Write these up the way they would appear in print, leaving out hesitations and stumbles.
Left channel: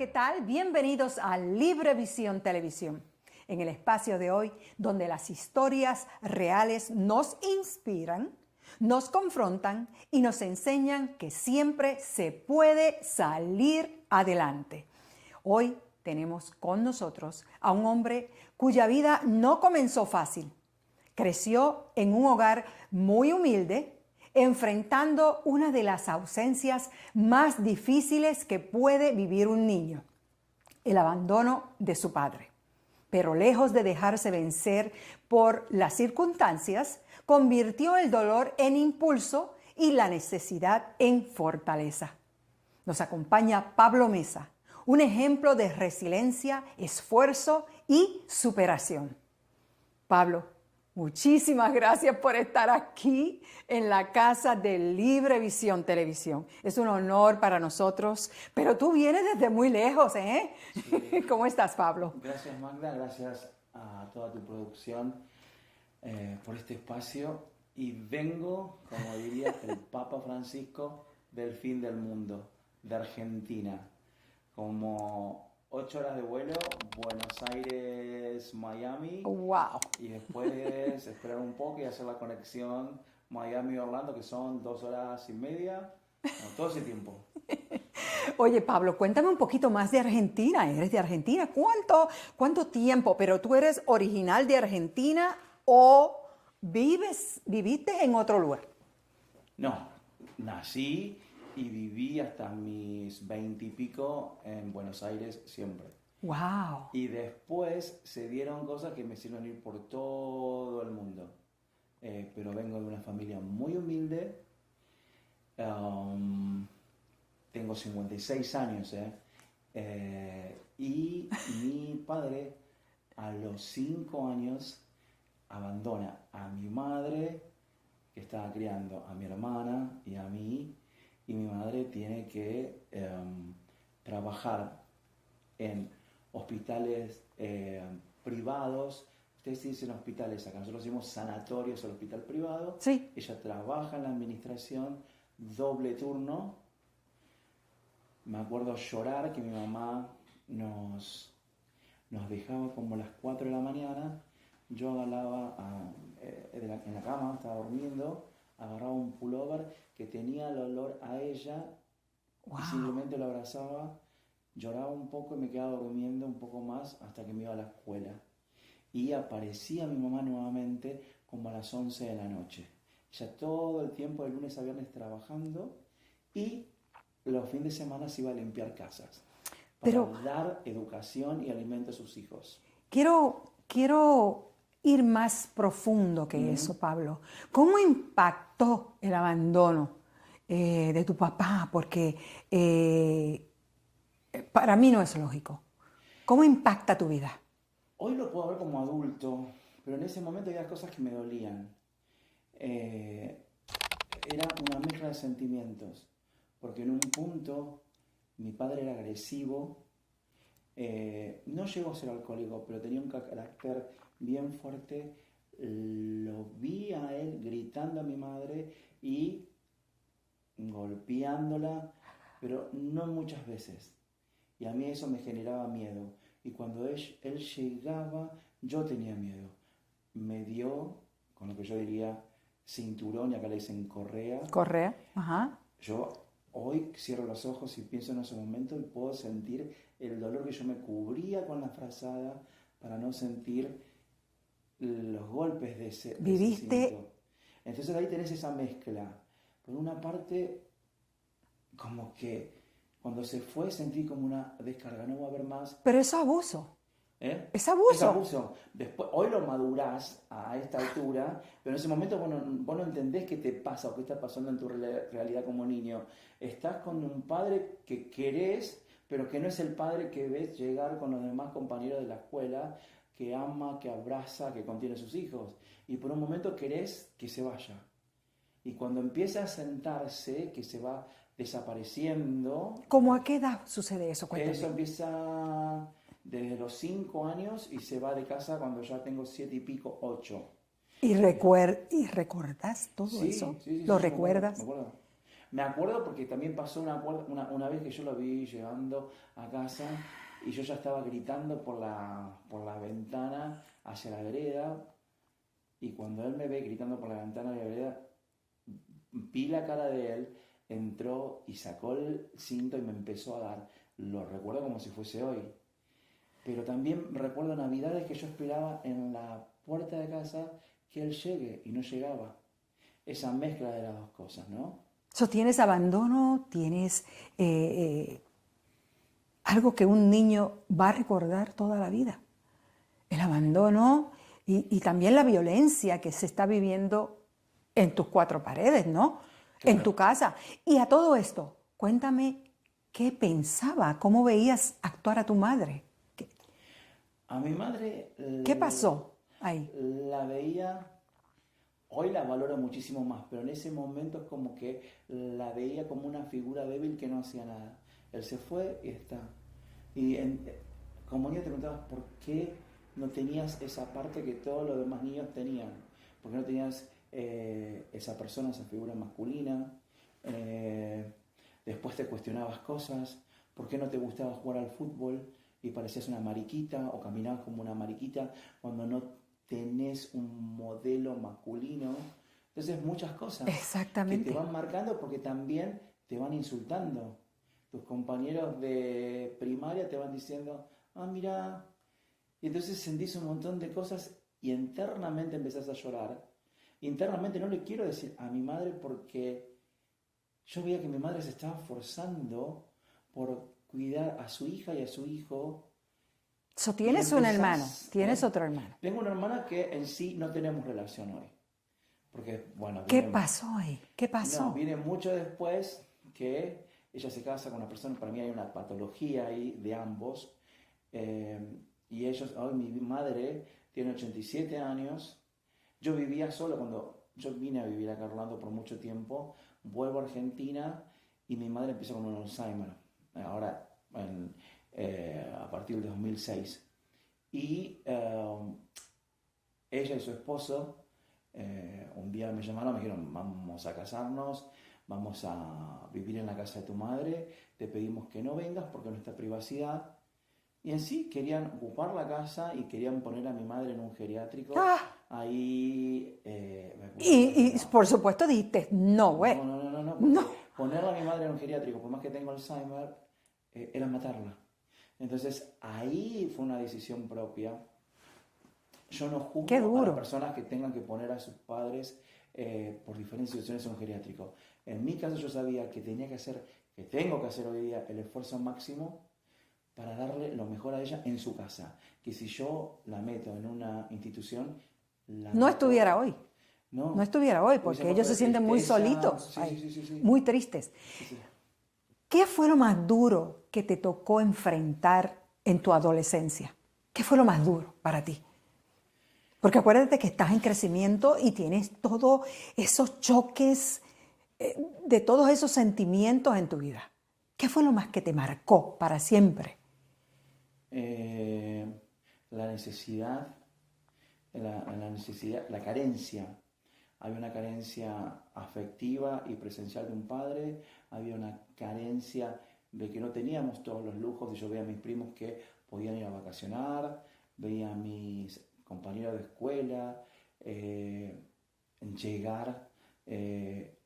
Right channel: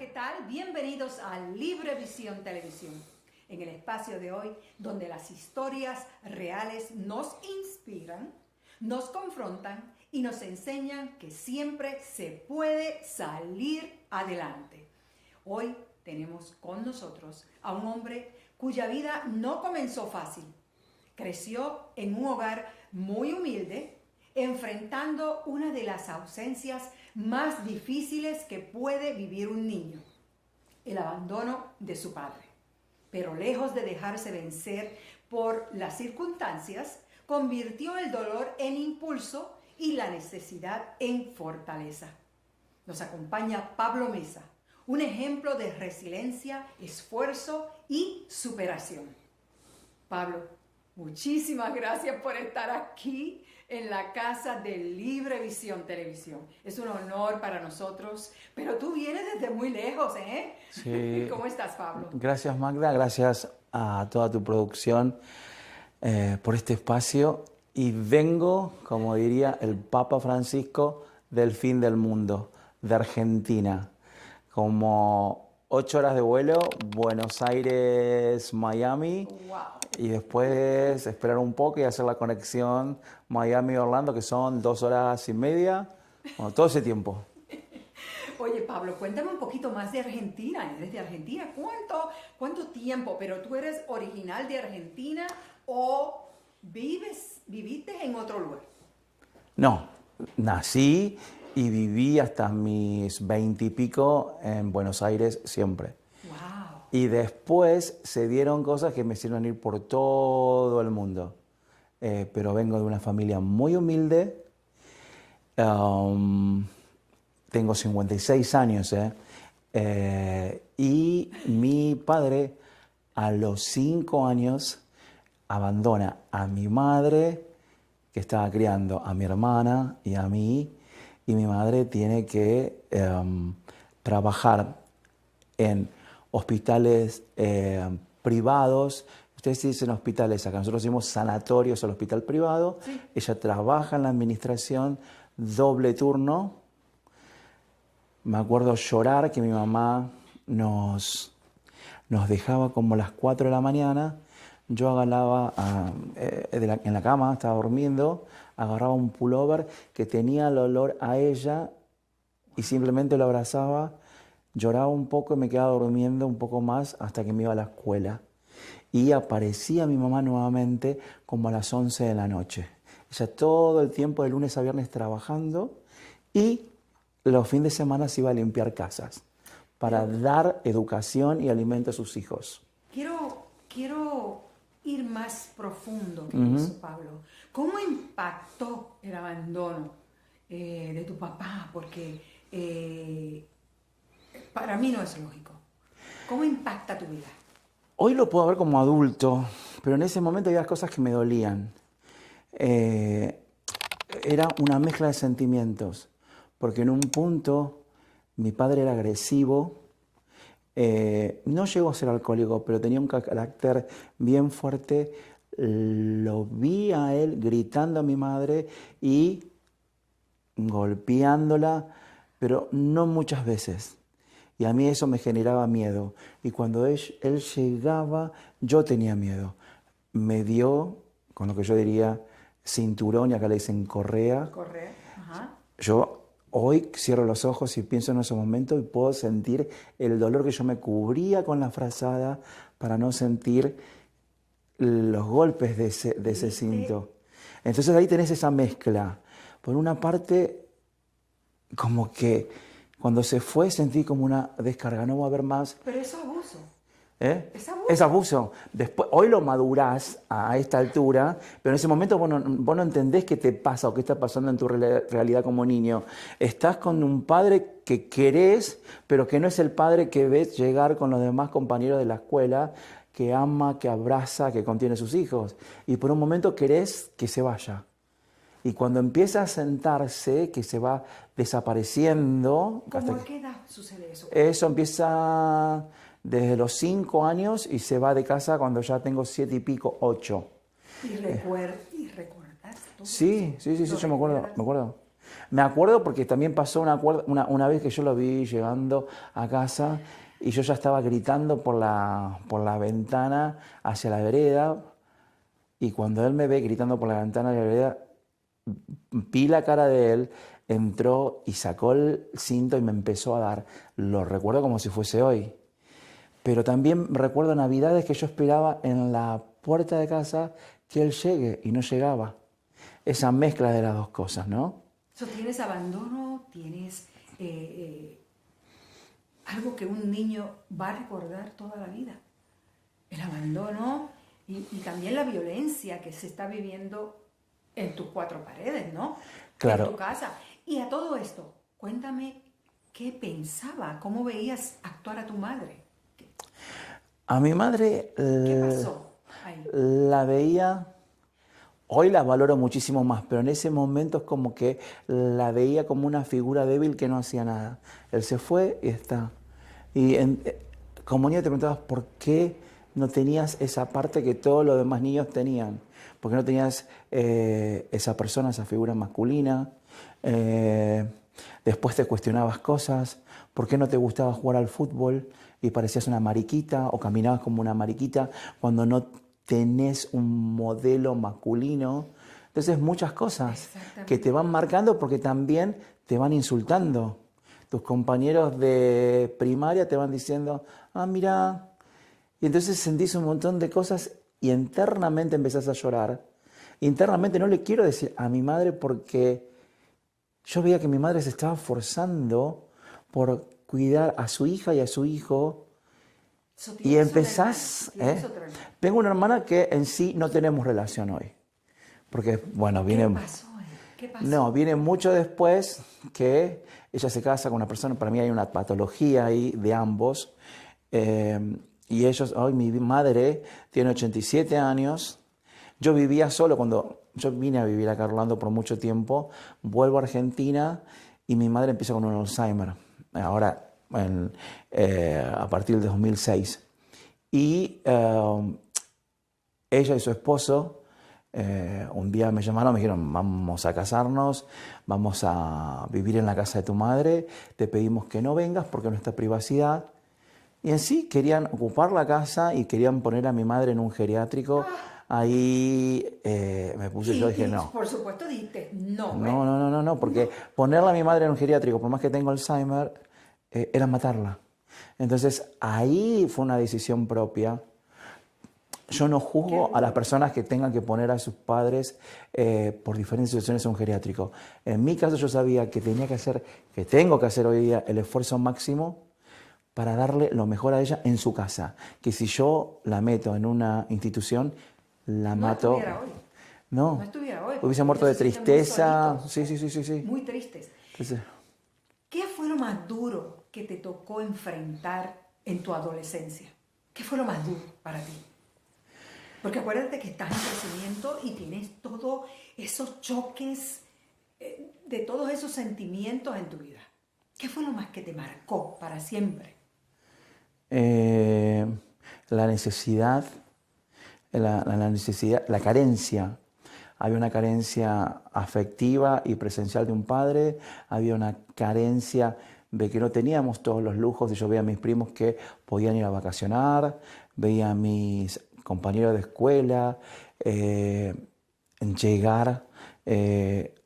¿qué tal? Bienvenidos a Librevisión Televisión. En el espacio de hoy, donde las historias reales nos inspiran, nos confrontan y nos enseñan que siempre se puede salir adelante. Hoy tenemos con nosotros a un hombre cuya vida no comenzó fácil. Creció en un hogar muy humilde, enfrentando una de las ausencias más difíciles que puede vivir un niño, el abandono de su padre. Pero lejos de dejarse vencer por las circunstancias, convirtió el dolor en impulso y la necesidad en fortaleza. Nos acompaña Pablo Mesa, un ejemplo de resiliencia, esfuerzo y superación. Pablo, muchísimas gracias por estar aquí en la casa de Librevisión Televisión. Es un honor para nosotros, pero tú vienes desde muy lejos, ¿eh? Sí. ¿Cómo estás, Pablo? Gracias, Magda, gracias a toda tu producción por este espacio. Y vengo, como diría el Papa Francisco, del fin del mundo, de Argentina. Como 8 horas de vuelo, Buenos Aires, Miami. ¡Wow! Y después esperar un poco y hacer la conexión Miami-Orlando, que son 2 horas y media. Bueno, todo ese tiempo. Oye, Pablo, cuéntame un poquito más de Argentina. ¿Eres de Argentina? ¿Cuánto tiempo? ¿Pero tú eres original de Argentina o viviste en otro lugar? No, nací y viví hasta mis 20 y pico en Buenos Aires siempre. ¡Wow! Y después se dieron cosas que me hicieron ir por todo el mundo. Pero vengo de una familia muy humilde. Tengo 56 años. Y mi padre a los 5 años abandona a mi madre, que estaba criando a mi hermana y a mí. Y mi madre tiene que trabajar en hospitales privados. Ustedes dicen hospitales, acá nosotros decimos sanatorios al hospital privado. Sí. Ella trabaja en la administración, doble turno. Me acuerdo llorar que mi mamá nos dejaba como a las 4 de la mañana. Yo agarraba en la cama, estaba durmiendo, agarraba un pullover que tenía el olor a ella. Wow. Y simplemente lo abrazaba, lloraba un poco y me quedaba durmiendo un poco más hasta que me iba a la escuela. Y aparecía mi mamá nuevamente como a las 11 de la noche. Ella todo el tiempo de lunes a viernes trabajando y los fines de semana se iba a limpiar casas para dar educación y alimento a sus hijos. Quiero ir más profundo que eso, Pablo. ¿Cómo impactó el abandono de tu papá? Porque para mí no es lógico. ¿Cómo impacta tu vida? Hoy lo puedo ver como adulto, pero en ese momento había cosas que me dolían. Era una mezcla de sentimientos, porque en un punto mi padre era agresivo. No llegó a ser alcohólico, pero tenía un carácter bien fuerte. Lo vi a él gritando a mi madre y golpeándola, pero no muchas veces. Y a mí eso me generaba miedo. Y cuando él llegaba, yo tenía miedo. Me dio, con lo que yo diría, cinturón, y acá le dicen correa. Correa, ajá. Yo hoy cierro los ojos y pienso en ese momento y puedo sentir el dolor que yo me cubría con la frazada para no sentir los golpes de ese cinto. Entonces ahí tenés esa mezcla. Por una parte, como que cuando se fue sentí como una descarga, no va a haber más. Pero eso es abuso. Es abuso. Es abuso. Después, hoy lo madurás a esta altura, pero en ese momento vos no entendés qué te pasa o qué está pasando en tu realidad como niño. Estás con un padre que querés, pero que no es el padre que ves llegar con los demás compañeros de la escuela, que ama, que abraza, que contiene a sus hijos. Y por un momento querés que se vaya. Y cuando empieza a sentarse, que se va desapareciendo... ¿Cómo a qué edad sucede eso? Eso empieza desde los 5 años y se va de casa cuando ya tengo 7 y pico, 8. ¿Y recuerdas todo eso? Sí, yo me acuerdo. Me acuerdo porque también pasó una vez que yo lo vi llegando a casa y yo ya estaba gritando por la ventana hacia la vereda y cuando él me ve gritando por la ventana de la vereda, vi la cara de él, entró y sacó el cinto y me empezó a dar. Lo recuerdo como si fuese hoy. Pero también recuerdo navidades que yo esperaba en la puerta de casa que él llegue y no llegaba. Esa mezcla de las dos cosas, ¿no? Tienes abandono, tienes algo que un niño va a recordar toda la vida. El abandono y también la violencia que se está viviendo en tus cuatro paredes, ¿no? Claro. En tu casa. Y a todo esto, cuéntame qué pensaba, cómo veías actuar a tu madre. A mi madre ¿Qué pasó ahí? la veía, hoy la valoro muchísimo más, pero en ese momento es como que la veía como una figura débil que no hacía nada. Él se fue y está. Y como niño te preguntabas por qué no tenías esa parte que todos los demás niños tenían. ¿Por qué no tenías esa persona, esa figura masculina? Después te cuestionabas cosas. ¿Por qué no te gustaba jugar al fútbol y parecías una mariquita o caminabas como una mariquita cuando no tenés un modelo masculino? Entonces muchas cosas que te van marcando porque también te van insultando. Tus compañeros de primaria te van diciendo, ah, mira. Y entonces sentís un montón de cosas y internamente empezás a llorar. Internamente no le quiero decir a mi madre porque yo veía que mi madre se estaba forzando por cuidar a su hija y a su hijo. ¿Tienes una hermana? ¿Tienes otra hermana? Tengo una hermana que en sí no tenemos relación hoy. Porque, bueno, viene... ¿Qué pasó ahí? ¿Qué pasó? No, viene mucho después que ella se casa con una persona, para mí hay una patología ahí de ambos. Y ellos, hoy mi madre tiene 87 años. Yo vivía solo cuando yo vine a vivir acá a Orlando por mucho tiempo. Vuelvo a Argentina y mi madre empieza con un Alzheimer. Ahora, a partir del 2006. Y ella y su esposo un día me llamaron, me dijeron, vamos a casarnos, vamos a vivir en la casa de tu madre, te pedimos que no vengas porque es nuestra privacidad. Y en sí querían ocupar la casa y querían poner a mi madre en un geriátrico. Ahí me puse yo y dije no. Por supuesto dijiste no, güey. No, porque ponerla a mi madre en un geriátrico, por más que tengo Alzheimer, era matarla. Entonces ahí fue una decisión propia. Yo no juzgo a las personas que tengan que poner a sus padres por diferentes situaciones en un geriátrico. En mi caso yo sabía que tengo que hacer hoy día el esfuerzo máximo para darle lo mejor a ella en su casa. Que si yo la meto en una institución, la mato. No estuviera hoy. No estuviera hoy, porque hubiese muerto de tristeza. Sí. Muy tristes. Sí. ¿Qué fue lo más duro que te tocó enfrentar en tu adolescencia? ¿Qué fue lo más duro para ti? Porque acuérdate que estás en crecimiento y tienes todos esos choques de todos esos sentimientos en tu vida. ¿Qué fue lo más que te marcó para siempre? La necesidad, la carencia. Había una carencia afectiva y presencial de un padre, había una carencia de que no teníamos todos los lujos. Yo veía a mis primos que podían ir a vacacionar, veía a mis compañeros de escuela llegar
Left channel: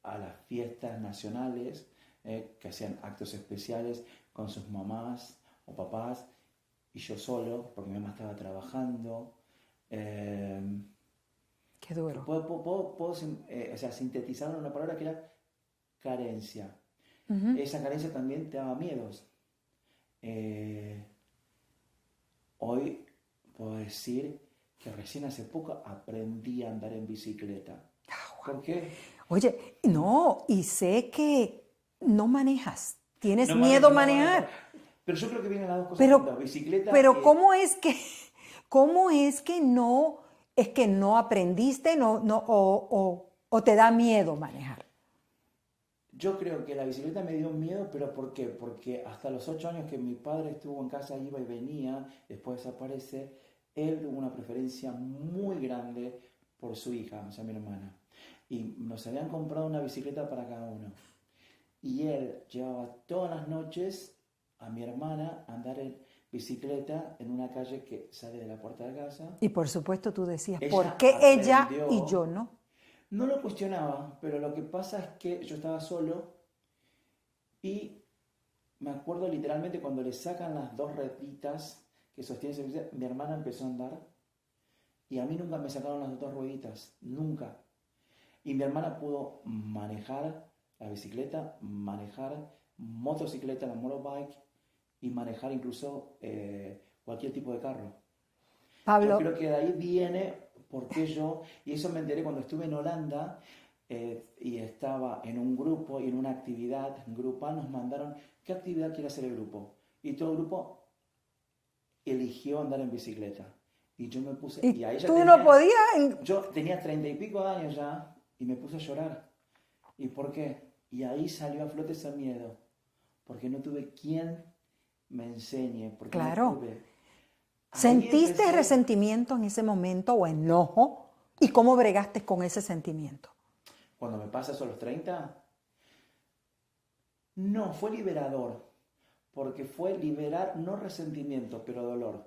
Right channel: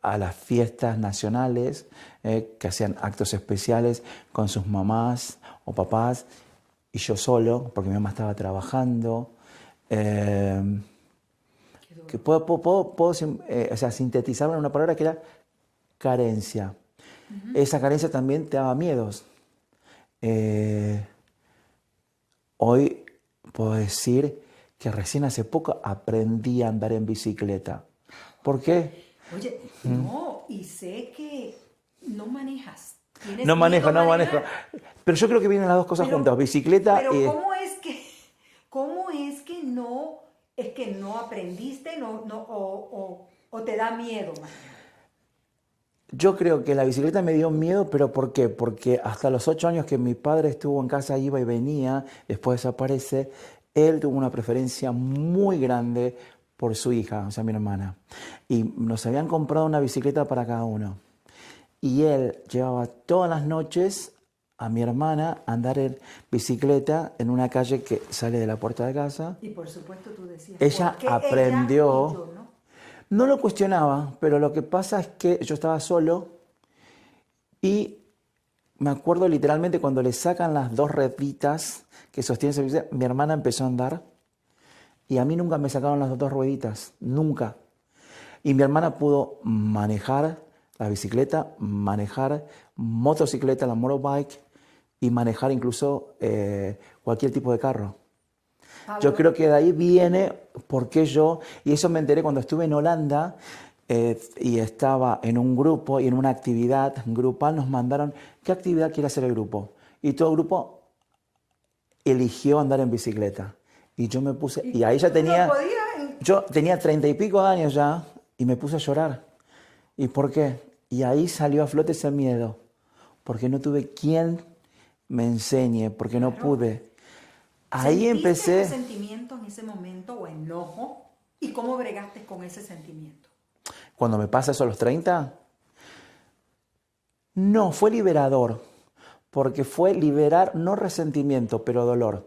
a las fiestas nacionales, que hacían actos especiales con sus mamás o papás, y yo solo, porque mi mamá estaba trabajando. Qué duro. Que puedo sintetizarlo en una palabra que era carencia. Esa carencia también te daba miedos. Hoy puedo decir que recién hace poco aprendí a andar en bicicleta. ¿Por qué? Oye, no, y sé que no manejas. ¿Tienes No miedo manejo, a no manejar? manejo. Pero yo creo que vienen las dos cosas juntas, bicicleta pero y... ¿cómo es que no aprendiste o te da miedo manejar? Yo creo que la bicicleta me dio miedo, pero ¿por qué? Porque hasta los 8 años que mi padre estuvo en casa, iba y venía, después desaparece, él tuvo una preferencia muy grande por su hija, o sea, mi hermana. Y nos habían comprado una bicicleta para cada uno. y él llevaba todas las noches a mi hermana a andar en bicicleta en una calle que sale de la puerta de casa. Y por supuesto tú decías, Ella ¿por qué aprendió, ella y yo no? no lo cuestionaba, pero lo que pasa es que yo estaba solo y me acuerdo literalmente cuando le sacan las dos rueditas que sostienen esa bicicleta, mi hermana empezó a andar y a mí nunca me sacaron las dos rueditas, nunca. Y mi hermana pudo manejar la bicicleta, manejar motocicleta, la motorbike y manejar incluso cualquier tipo de carro. Pablo, Yo creo que de ahí viene por qué yo, y eso me enteré cuando estuve en Holanda y estaba en un grupo y en una actividad grupal nos mandaron, ¿qué actividad quiere hacer el grupo? Y todo el grupo eligió andar en bicicleta. Y yo me puse, y ahí ya tú tenía, no podías. yo tenía 30 y pico de años ya y me puse a llorar. ¿Y por qué? Y ahí salió a flote ese miedo, porque no tuve quien me enseñe, porque no Claro. pude. Ahí ¿Sentiste empecé, resentimiento en ese momento o enojo? ¿Y cómo bregaste con ese sentimiento? cuando me pasa eso a los 30, no, fue liberador, porque fue liberar no resentimiento, pero dolor.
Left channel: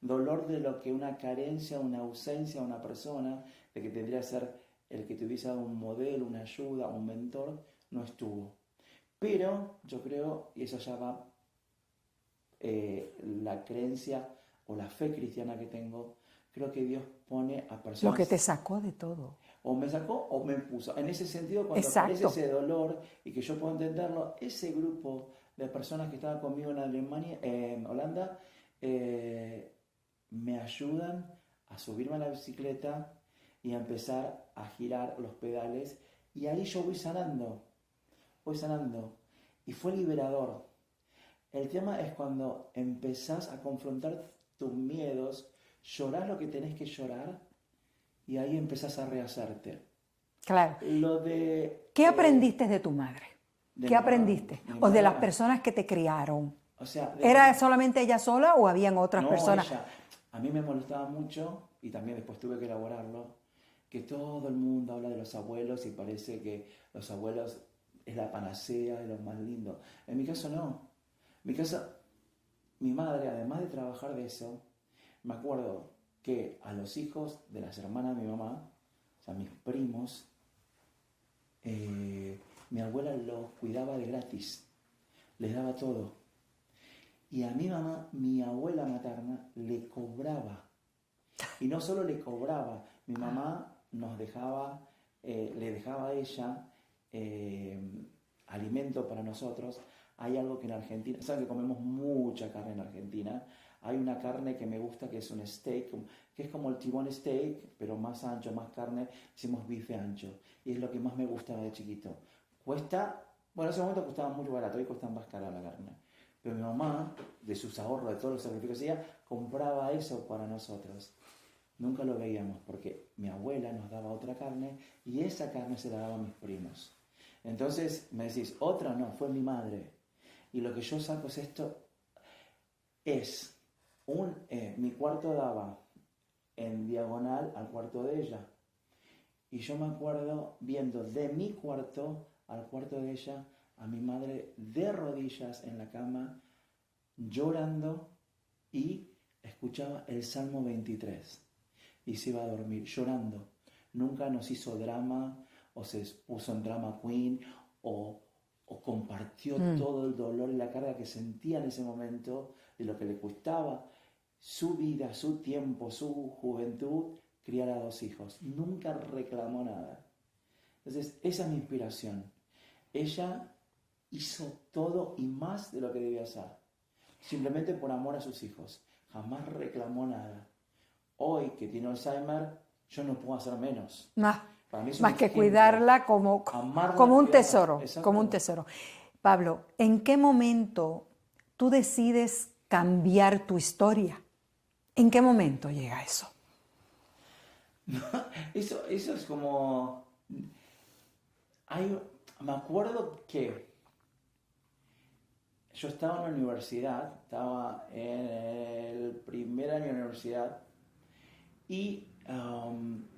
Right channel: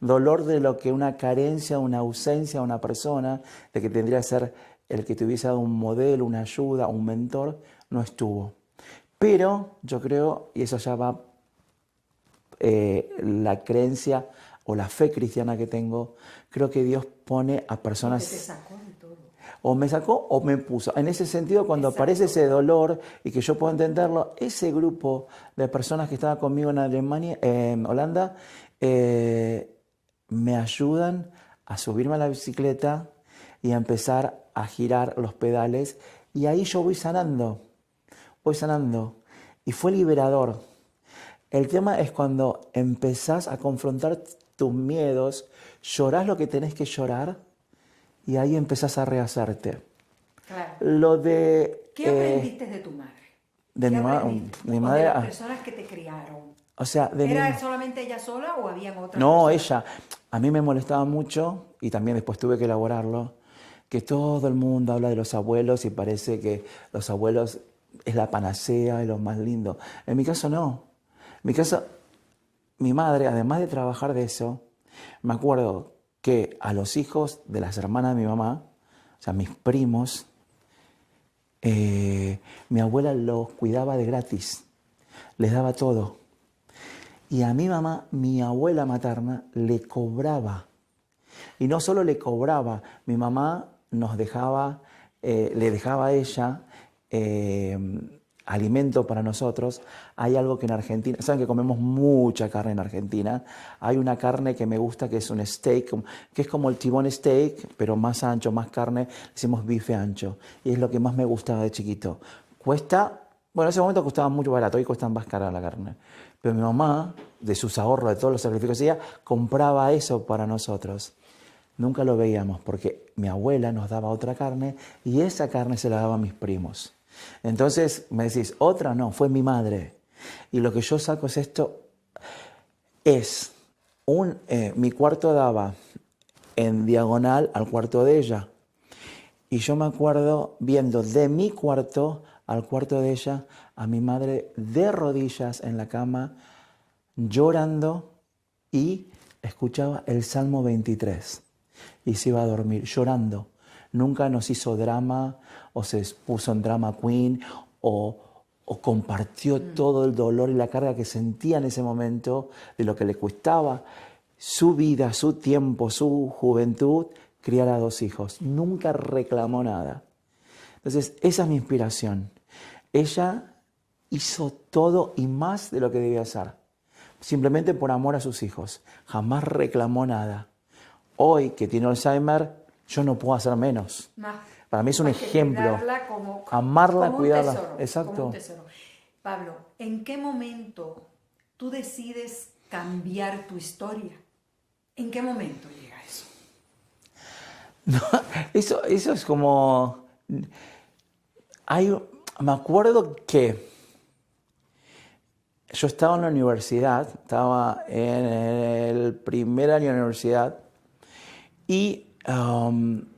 Dolor de lo que una carencia, una ausencia, una persona, de que tendría que ser el que te hubiese dado un modelo, una ayuda, un mentor, no estuvo. Pero yo creo, y eso ya va la creencia o la fe cristiana que tengo, creo que Dios pone a Lo personas, que te sacó de todo. o me sacó o me puso. En ese sentido, cuando aparece Exacto. ese dolor y que yo puedo entenderlo, ese grupo de personas que estaba conmigo en Alemania, en Holanda, me ayudan a subirme a la bicicleta y a empezar a girar los pedales. Y ahí yo voy sanando. Y fue liberador. El tema es cuando empezás a confrontar tus miedos, llorás lo que tenés que llorar y ahí empezás a rehacerte. Claro. Lo de... ¿Qué aprendiste de tu madre? de ¿Qué mi ma- aprendiste? mi O madre, de las personas que te criaron. o sea, de ¿Era mi- solamente ella sola o habían otras No, personas? ella. A mí me molestaba mucho, y también después tuve que elaborarlo, que todo el mundo habla de los abuelos y parece que los abuelos es la panacea y lo más lindo. En mi caso no. En mi caso, mi madre, además de trabajar de eso, me acuerdo que a los hijos de las hermanas de mi mamá, o sea, mis primos, mi abuela los cuidaba de gratis, les daba todo. Y a mi mamá, mi abuela materna, le cobraba. Y no solo le cobraba, mi mamá nos dejaba, le dejaba a ella alimento para nosotros. Hay algo que en Argentina, saben que comemos mucha carne en Argentina. Hay una carne que me gusta que es un steak, que es como el tibón steak, pero más ancho, más carne. Decimos bife ancho. Y es lo que más me gustaba de chiquito. Cuesta, bueno, en ese momento costaba mucho barato, hoy cuesta más cara la carne. Pero mi mamá, de sus ahorros, de todos los sacrificios que hacía, compraba eso para nosotros. Nunca lo veíamos porque mi abuela nos daba otra carne y esa carne se la daba a mis primos. Entonces me decís, otra no, fue mi madre. Y lo que yo saco es esto, es mi cuarto daba en diagonal al cuarto de ella. Y yo me acuerdo viendo de mi cuarto al cuarto de ella a mi madre de rodillas en la cama, llorando y escuchaba el Salmo 23 y se iba a dormir llorando. Nunca nos hizo drama o se puso en drama queen o compartió todo el dolor y la carga que sentía en ese momento de lo que le costaba su vida, su tiempo, su juventud, criar a 2 hijos. Nunca reclamó nada. Entonces, esa es mi inspiración. Ella hizo todo y más de lo que debía hacer, simplemente por amor a sus hijos. Jamás reclamó nada. Hoy, que tiene Alzheimer, yo no puedo hacer menos. No, Para mí es un más que ejemplo. cuidarla como, Amarla, como un cuidarla. tesoro. Exacto. Como un tesoro. Pablo, ¿en qué momento tú decides cambiar tu historia? ¿En qué momento llega eso? No, eso es como... me acuerdo que yo estaba en la universidad, estaba en el primer año de la universidad y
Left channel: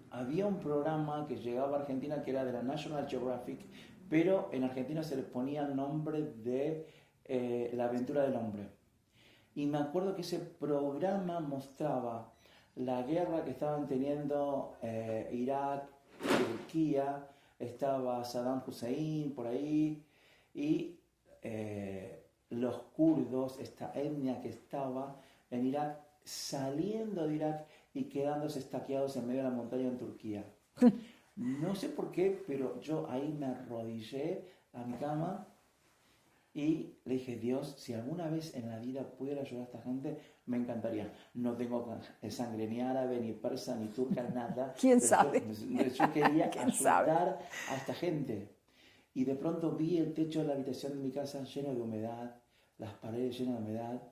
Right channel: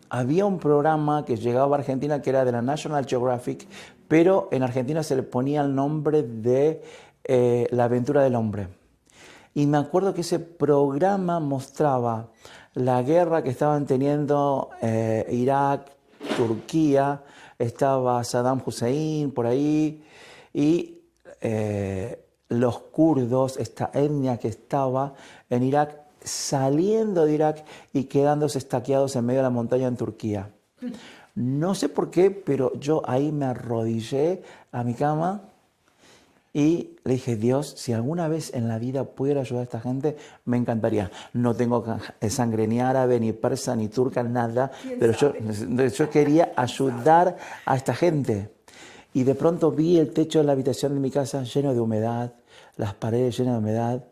había un programa que llegaba a Argentina que era de la National Geographic, pero en Argentina se le ponía el nombre de La aventura del hombre. Y me acuerdo que ese programa mostraba la guerra que estaban teniendo Irak, Turquía, estaba Saddam Hussein por ahí, y los kurdos, esta etnia que estaba en Irak, saliendo de Irak y quedándose estaqueados en medio de la montaña en Turquía. No sé por qué, pero yo ahí me arrodillé a mi cama y le dije, Dios, si alguna vez en la vida pudiera ayudar a esta gente, me encantaría. No tengo sangre ni árabe, ni persa, ni turca, nada, pero yo quería ayudar a esta gente. Y de pronto vi el techo de la habitación de mi casa lleno de humedad, las paredes llenas de humedad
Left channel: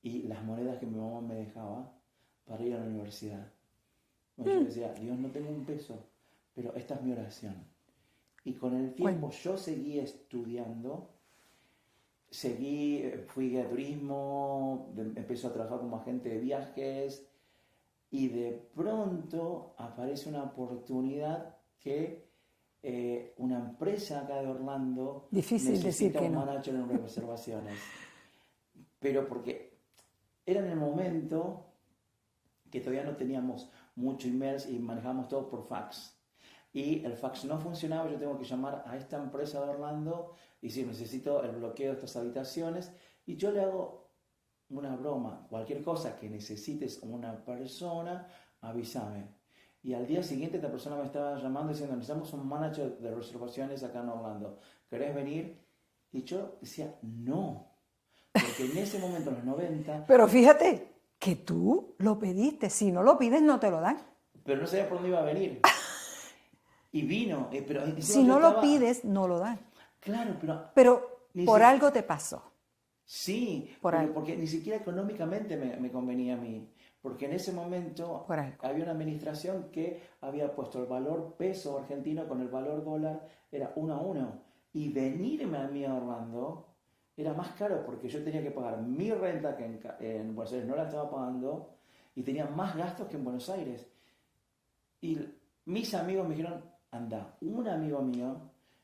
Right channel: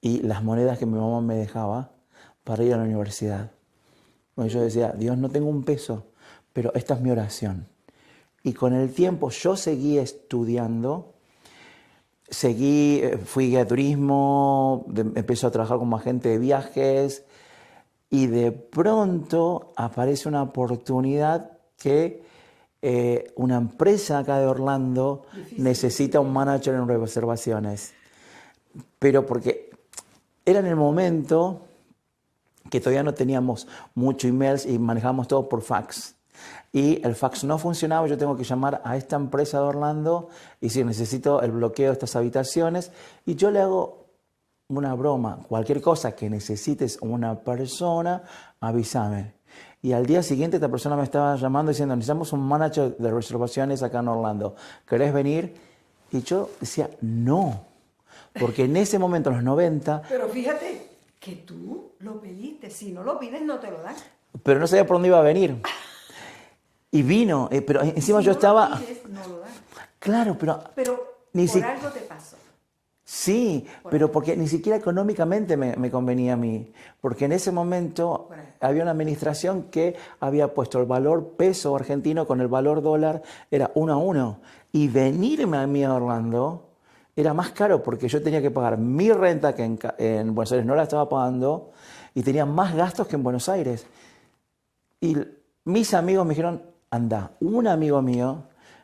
y las monedas que mi mamá me dejaba para ir a la universidad. Bueno, yo decía, Dios, no tengo un peso, pero esta es mi oración. Y con el tiempo yo seguí estudiando, fui guía de turismo, empecé a trabajar como agente de viajes y de pronto aparece una oportunidad que una empresa acá de Orlando necesita un manager en reservaciones. Pero porque era en el momento que todavía no teníamos muchos emails y manejábamos todo por fax. Y el fax no funcionaba, yo tengo que llamar a esta empresa de Orlando y si necesito el bloqueo de estas habitaciones. Y yo le hago una broma, cualquier cosa que necesites una persona, avísame. Y al día siguiente esta persona me estaba llamando diciendo, necesitamos un manager de reservaciones acá en Orlando, ¿querés venir? Y yo decía, no, porque en ese momento, en los 90... Pero fíjate que tú lo pediste, si no lo pides no te lo dan. Pero no sabía por dónde iba a venir. Y vino, pero encima si yo estaba... Si no lo pides, no lo dan. Claro, pero por algo te pasó. Sí, pero porque ni siquiera económicamente me convenía a mí. Porque en ese momento había una administración que había puesto el valor peso argentino con el valor dólar, era 1 a 1. Y venirme a mí a Orlando era más caro porque yo tenía que pagar mi renta, que en Buenos Aires no la estaba pagando, y tenía más gastos que en Buenos Aires. Y mis amigos me dijeron, anda. Un amigo mío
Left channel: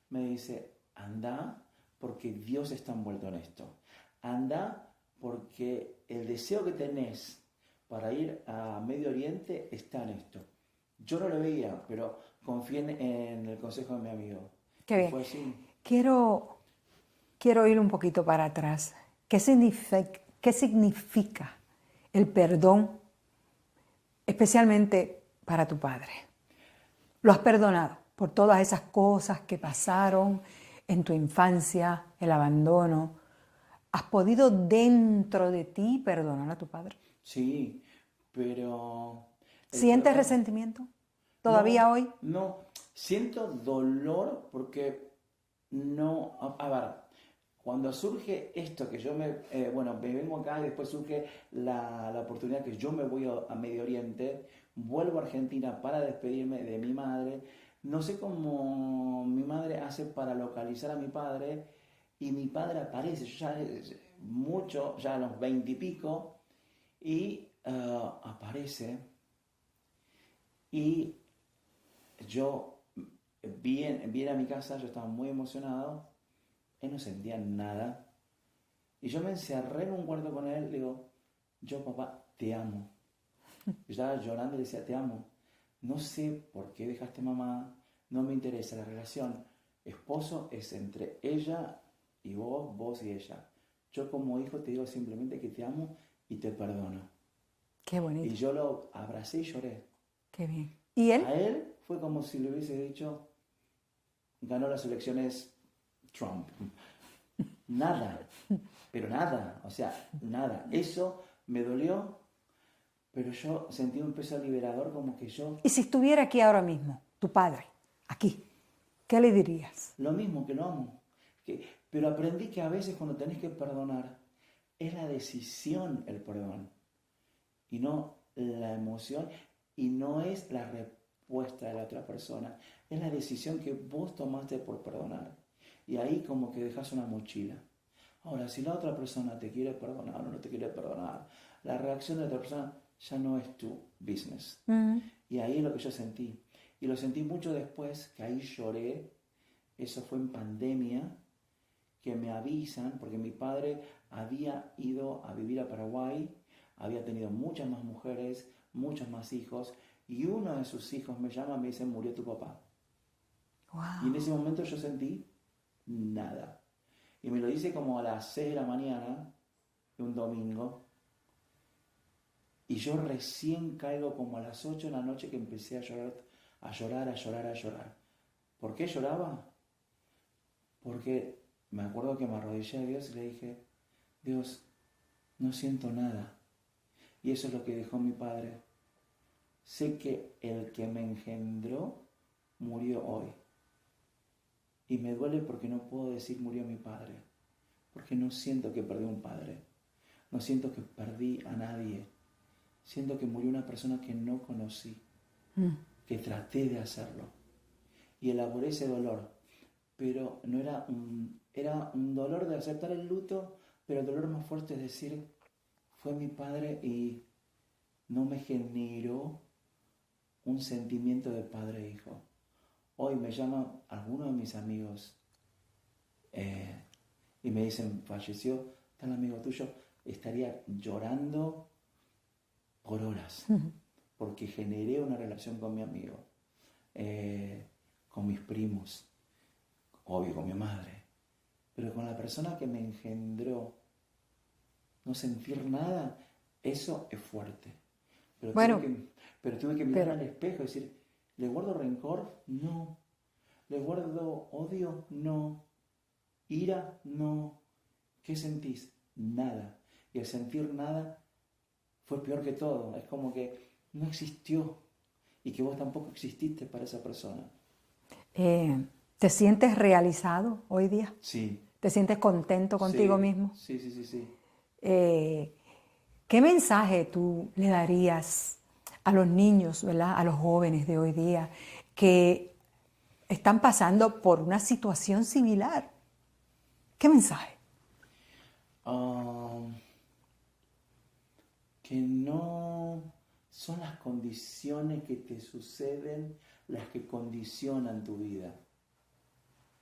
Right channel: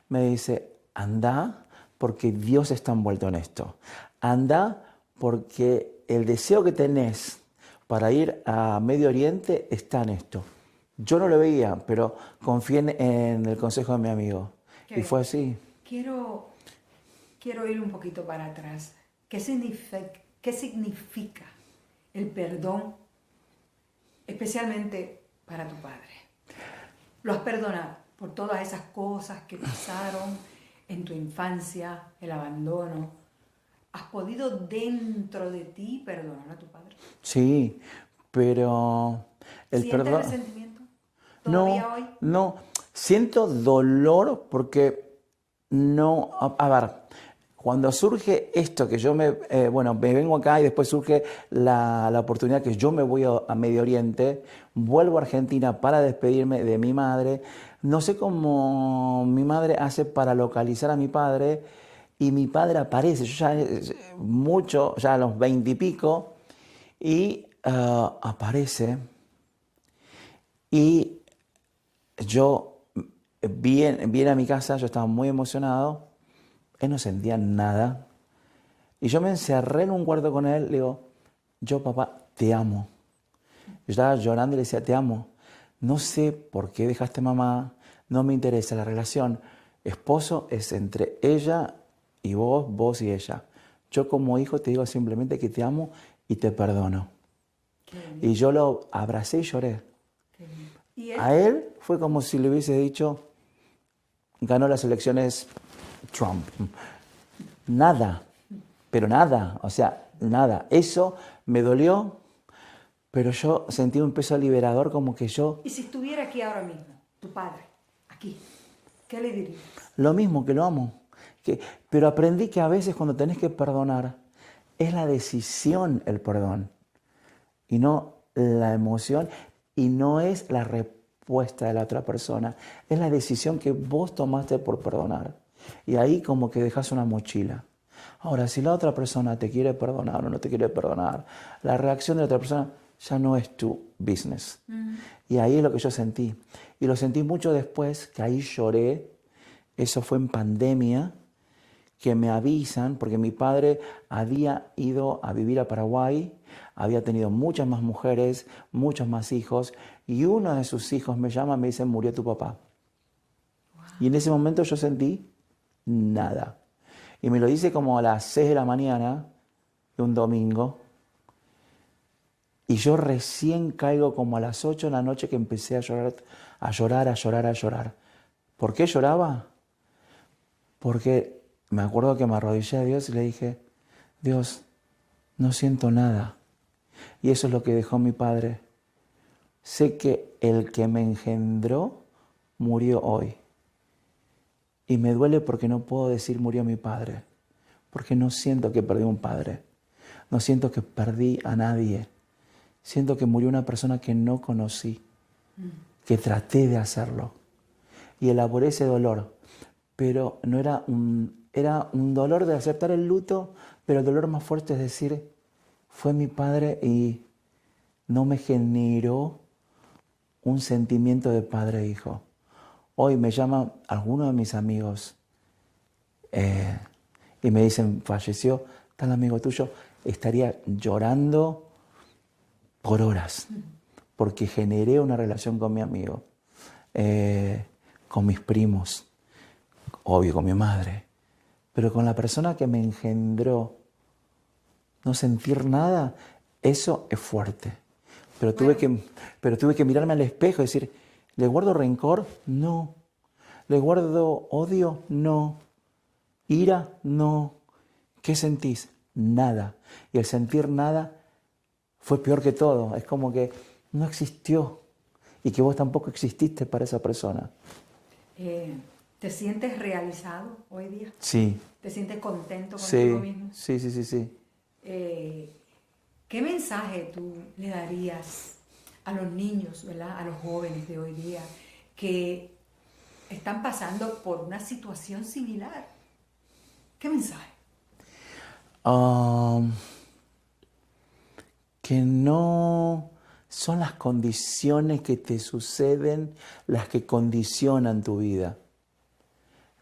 me dice, anda porque Dios está envuelto en esto. Anda porque el deseo que tenés para ir a Medio Oriente está en esto. Yo no lo veía, pero confié en el consejo de mi amigo. Y fue así. Quiero ir un poquito para atrás. ¿Qué significa el perdón, especialmente para tu padre? ¿Lo has perdonado por todas esas cosas que pasaron en tu infancia, el abandono? ¿Has podido dentro de ti perdonar a tu padre? Sí, pero... ¿Sientes resentimiento todavía hoy? No, siento dolor porque no... A ver, cuando surge esto, que yo me vengo acá y después surge la oportunidad que yo me voy a Medio Oriente, vuelvo a Argentina para despedirme de mi madre. No sé cómo mi madre hace para localizar a mi padre y mi padre aparece, yo ya a los 20 y pico, y aparece y yo viene a mi casa, yo estaba muy emocionado, él no sentía nada y yo me encerré en un cuarto con él, le digo, yo papá te amo. Yo estaba llorando y le decía, te amo, no sé por qué dejaste mamá, no me interesa la relación, esposo es entre ella y vos y ella. Yo como hijo te digo simplemente que te amo y te perdono. Qué bonito. Y yo lo abracé y lloré. Qué bien. ¿Y él? A él fue como si le hubiese dicho, ganó las elecciones Trump. Nada, pero nada, o sea, nada. Eso me dolió, pero yo sentí un peso liberador como que yo... ¿Y si estuviera aquí ahora mismo, tu padre, aquí, qué le dirías? Lo mismo, que lo amo. Pero aprendí que a veces cuando tenés que perdonar, es la decisión el perdón y no la emoción y no es la respuesta de la otra persona, es la decisión que vos tomaste por perdonar. Y ahí como que dejas una mochila. Ahora, si la otra persona te quiere perdonar o no te quiere perdonar, la reacción de la otra persona ya no es tu business. Y ahí es lo que yo sentí. Y lo sentí mucho después, que ahí lloré eso fue en pandemia, que me avisan, porque mi padre había ido a vivir a Paraguay, había tenido muchas más mujeres, muchos más hijos, y uno de sus hijos me llama y me dice, murió tu papá. Wow. Y en ese momento yo sentí nada. Y me lo dice como a las 6 de la mañana de un domingo, y yo recién caigo como a las 8 de la noche que empecé a llorar, a llorar, a llorar, a llorar. ¿Por qué lloraba? Porque me acuerdo que me arrodillé a Dios y le dije, Dios, no siento nada. Y eso es lo que dejó mi padre. Sé que el que me engendró murió hoy. Y me duele porque no puedo decir murió mi padre. Porque no siento que perdí un padre. No siento que perdí a nadie. Siento que murió una persona que no conocí. Que traté de hacerlo. Y elaboré ese dolor. Pero no era era un dolor de aceptar el luto, pero el dolor más fuerte es decir, fue mi padre y no me generó un sentimiento de padre e hijo. Hoy me llaman algunos de mis amigos y me dicen, falleció tal amigo tuyo, estaría llorando por horas, porque generé una relación con mi amigo, con mis primos, obvio, con mi madre, pero con la persona que me engendró, no sentir nada, eso es fuerte. Pero, Bueno, tuve que mirarme al espejo y decir, ¿le guardo rencor? No. ¿Le guardo odio? No. ¿Ira? No. ¿Qué sentís? Nada. Y el sentir nada fue peor que todo. Es como que no existió y que vos tampoco exististe para esa persona. ¿Te sientes realizado hoy día? Sí. ¿Te sientes contento contigo mismo? Sí, sí, sí, sí. ¿Qué mensaje tú le darías a los niños, ¿verdad? A los jóvenes de hoy día que están pasando por una situación similar? ¿Qué mensaje? Que no son las condiciones que te suceden las que condicionan tu vida.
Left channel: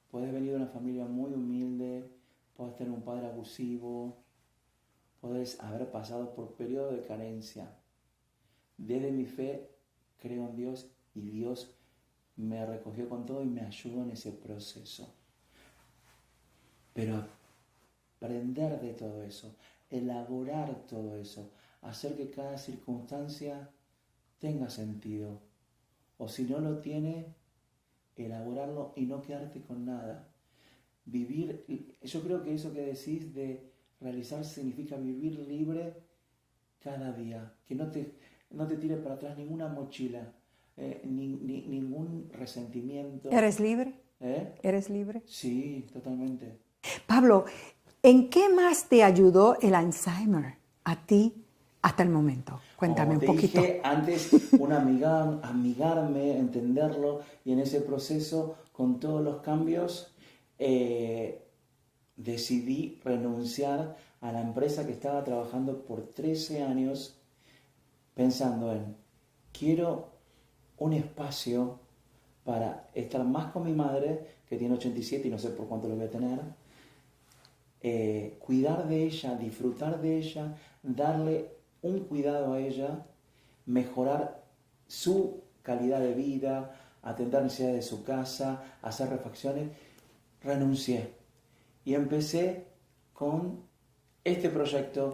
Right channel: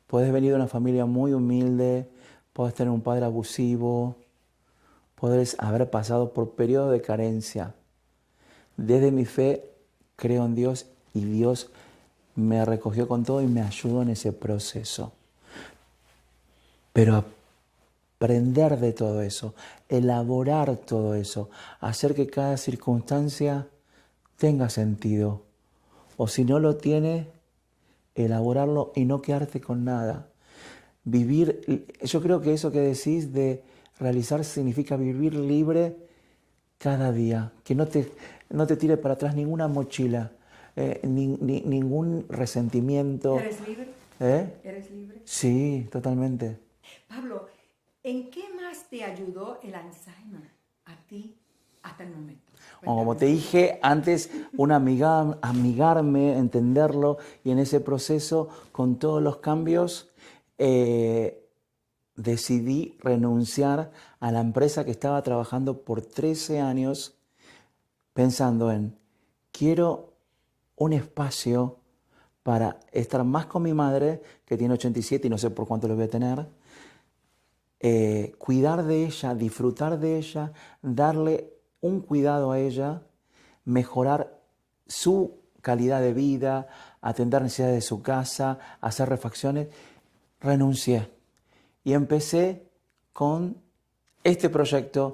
Puedes venir de una familia muy humilde, puedes tener un padre abusivo, puedes haber pasado por periodos de carencia. Desde mi fe creo en Dios y Dios me recogió con todo y me ayudó en ese proceso. Pero aprender de todo eso, elaborar todo eso, hacer que cada circunstancia tenga sentido. O si no lo tiene, elaborarlo y no quedarte con nada. Vivir, yo creo que eso que decís de realizar significa vivir libre cada día, que no te tire para atrás ninguna mochila, ningún resentimiento. ¿Eres libre? ¿Eh? ¿Eres libre? Sí, totalmente. Pablo, ¿en qué más te ayudó el Alzheimer a ti hasta el momento? Cuéntame Como un te poquito. dije antes, amigarme, entenderlo y en ese proceso, con todos los cambios, decidí renunciar a la empresa que estaba trabajando por 13 años pensando en, quiero un espacio para estar más con mi madre, que tiene 87 y no sé por cuánto lo voy a tener, cuidar de ella, disfrutar de ella, darle un cuidado a ella, mejorar su calidad de vida, atender necesidades de su casa, hacer refacciones. Renuncié y empecé con este proyecto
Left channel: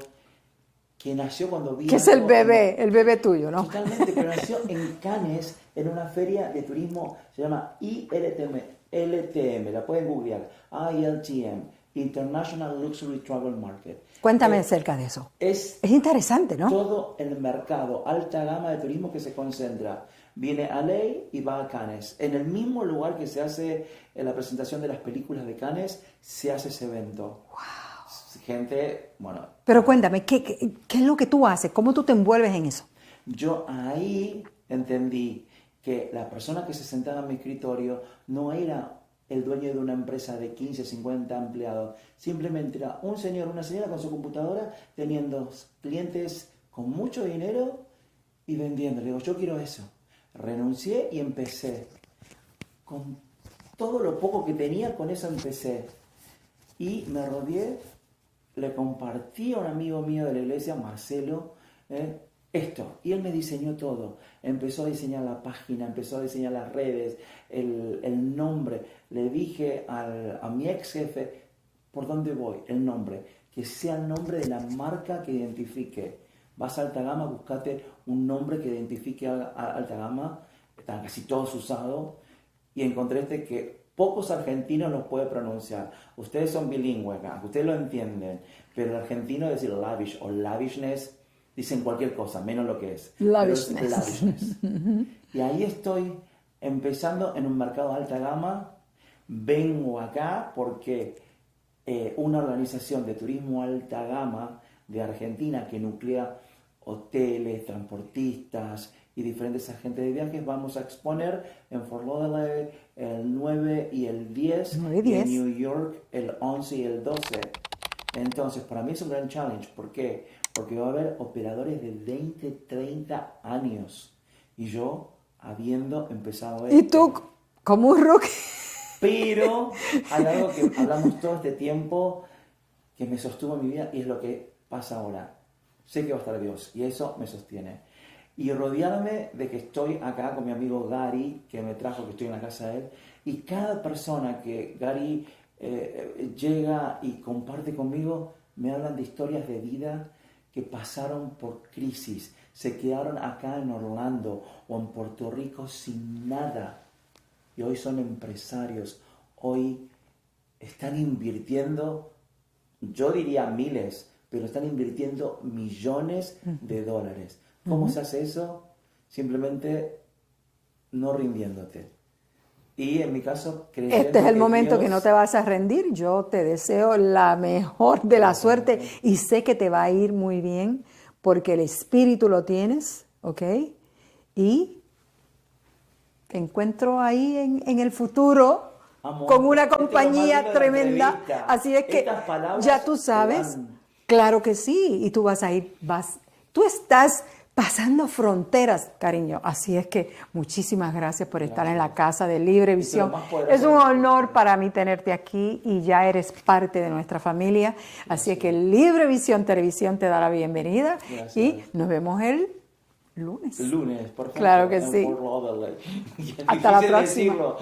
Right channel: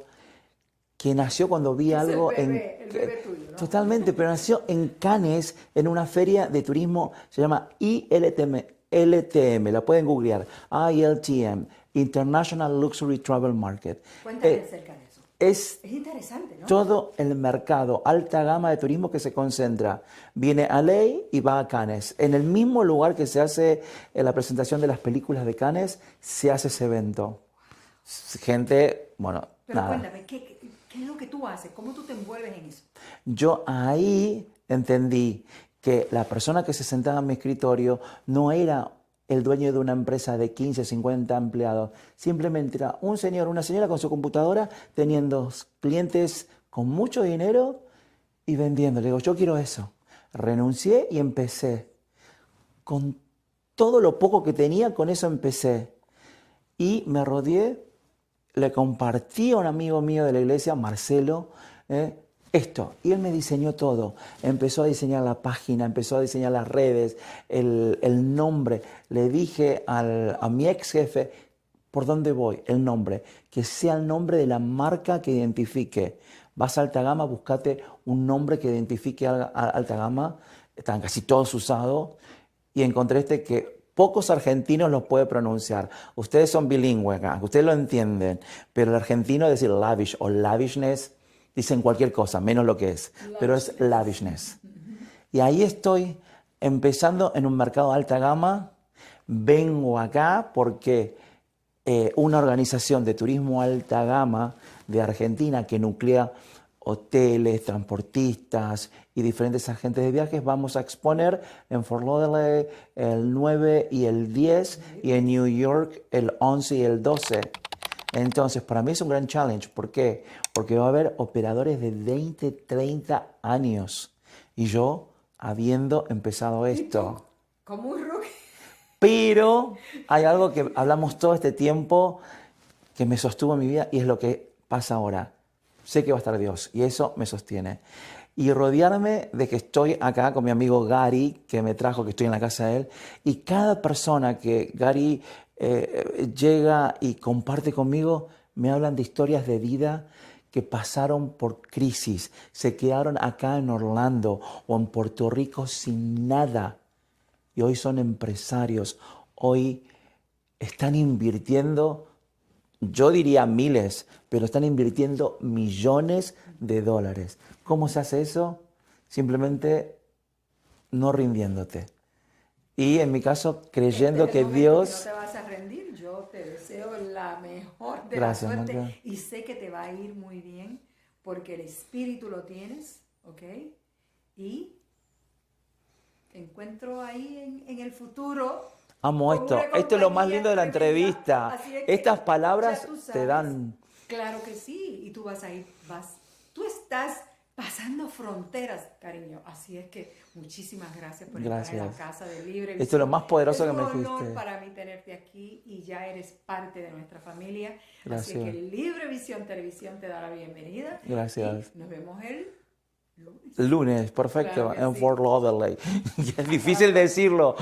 que nació cuando vi Que es algo... el bebé tuyo, ¿no? Totalmente, pero nació en Cannes, en una feria de turismo, se llama ILTM, la pueden googlear, ILTM, International Luxury Travel Market. Cuéntame acerca de eso. Es Es interesante, ¿no? todo el mercado, alta gama de turismo que se concentra. Viene a LA y va a Cannes. En el mismo lugar que se hace la presentación de las películas de Cannes, se hace ese evento. Wow. Gente, bueno... Pero cuéntame, ¿qué es lo que tú haces? ¿Cómo tú te envuelves en eso? Yo ahí entendí que la persona que se sentaba en mi escritorio no era el dueño de una empresa de 15, 50 empleados. Simplemente era un señor, una señora con su computadora teniendo clientes con mucho dinero y vendiendo. Le digo, yo quiero eso. Renuncié y empecé con todo lo poco que tenía, con eso empecé. Y me rodeé, le compartí a un amigo mío de la iglesia, Marcelo, esto. Y él me diseñó todo. Empezó a diseñar la página, empezó a diseñar las redes, el nombre. Le dije a mi ex jefe, ¿por dónde voy? El nombre. Que sea el nombre de la marca que identifique. Vas a Alta Gama, buscate un nombre que identifique a Alta Gama. Están casi todos usados. Y encontré este que pocos argentinos lo pueden pronunciar. Ustedes son bilingües acá, ustedes lo entienden. Pero el argentino decir lavish o lavishness, dicen cualquier cosa, menos lo que es. Pero es lavishness. Y ahí estoy empezando en un mercado de alta gama. Vengo acá porque una organización de turismo alta gama de Argentina que nuclea hoteles, transportistas y diferentes agentes de viajes, vamos a exponer en Fort Lauderdale el 9 y el 10 y en New York el 11 y el 12. Entonces, para mí es un gran challenge. ¿Por qué? Porque va a haber operadores de 20, 30 años. Y yo, habiendo empezado esto. Y tú, como un rookie. Pero hay algo que hablamos todo este tiempo que me sostuvo en mi vida y es lo que pasa ahora. Sé que va a estar Dios y eso me sostiene. Y rodearme de que estoy acá con mi amigo Gary, que me trajo, que estoy en la casa de él, y cada persona que Gary llega y comparte conmigo, me hablan de historias de vida que pasaron por crisis, se quedaron acá en Orlando o en Puerto Rico sin nada y hoy son empresarios, hoy están invirtiendo, yo diría miles, pero están invirtiendo millones de dólares. ¿Cómo se hace eso? Simplemente no rindiéndote. Y en mi caso, creyendo que este es el momento Dios... que no te vas a rendir. Yo te deseo la mejor de la suerte y sé que te va a ir muy bien porque el espíritu lo tienes, ¿ok? Y te encuentro ahí en el futuro con una compañía tremenda. Así es que estas palabras ya tú sabes. Claro que sí. Y tú vas a ir, tú estás pasando fronteras, cariño. Así es que muchísimas gracias por estar en la casa de Libre Visión. Es un honor para mí tenerte aquí y ya eres parte de nuestra familia. Así es que Libre Visión Televisión te da la bienvenida. Gracias. Y nos vemos el lunes. Lunes, perfecto. Claro que en sí. Fort Lauderdale. Es difícil decirlo.